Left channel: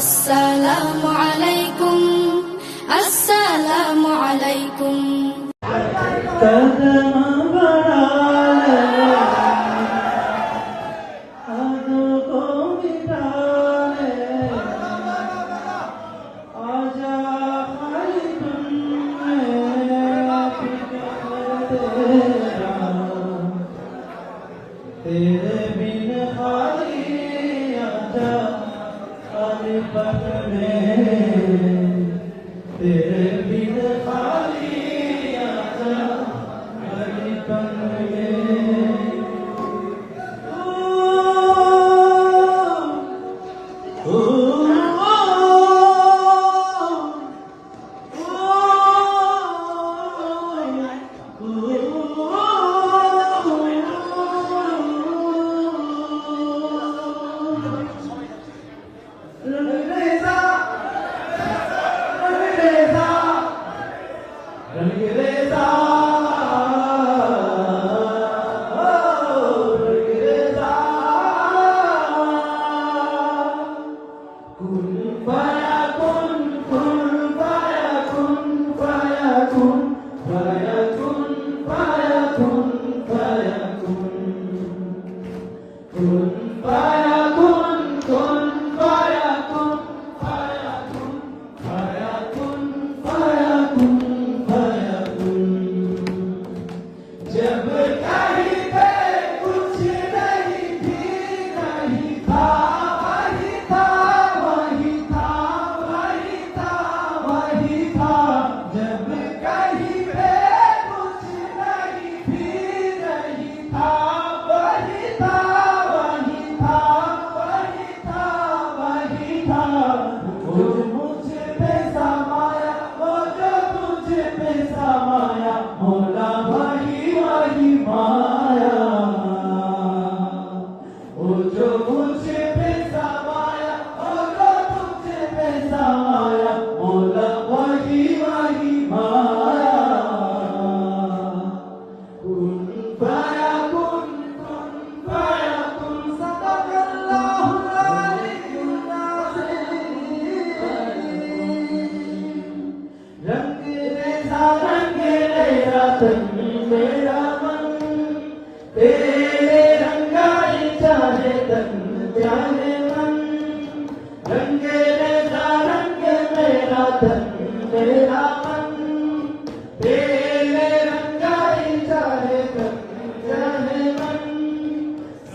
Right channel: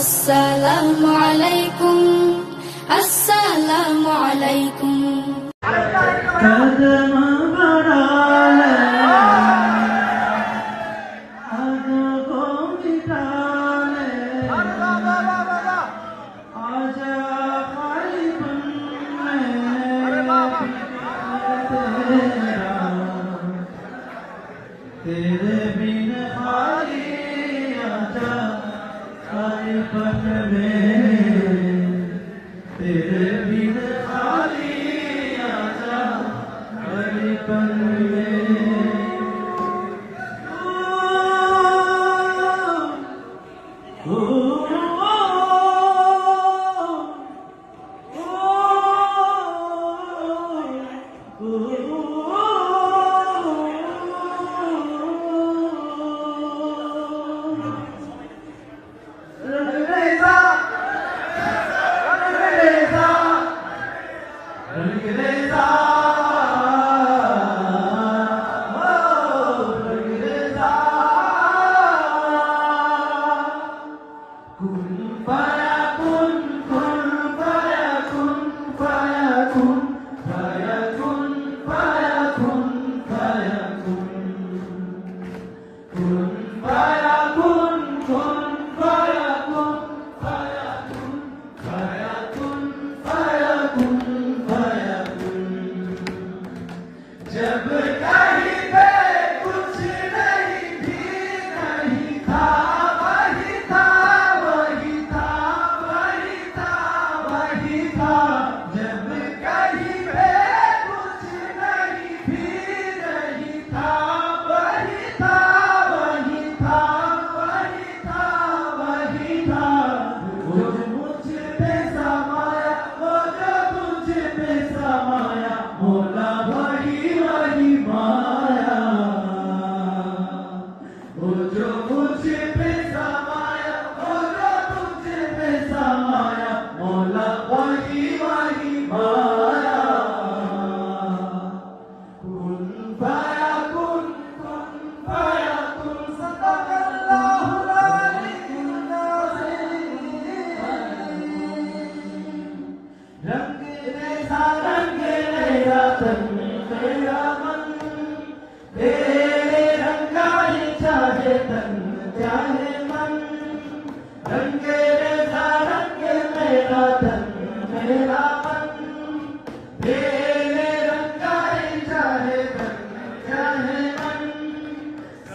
السلام علیکم السلام علیکم Yeah. Thank you.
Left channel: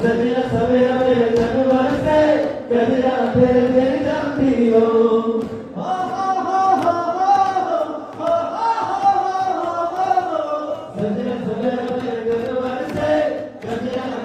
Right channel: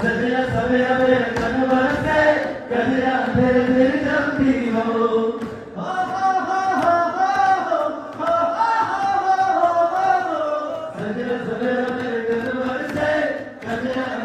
سویرا سویرا جنور سے گہرا دل میں جاتی ہو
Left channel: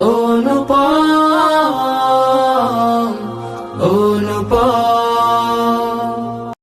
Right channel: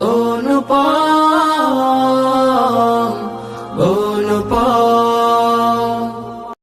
Oh, no, pa.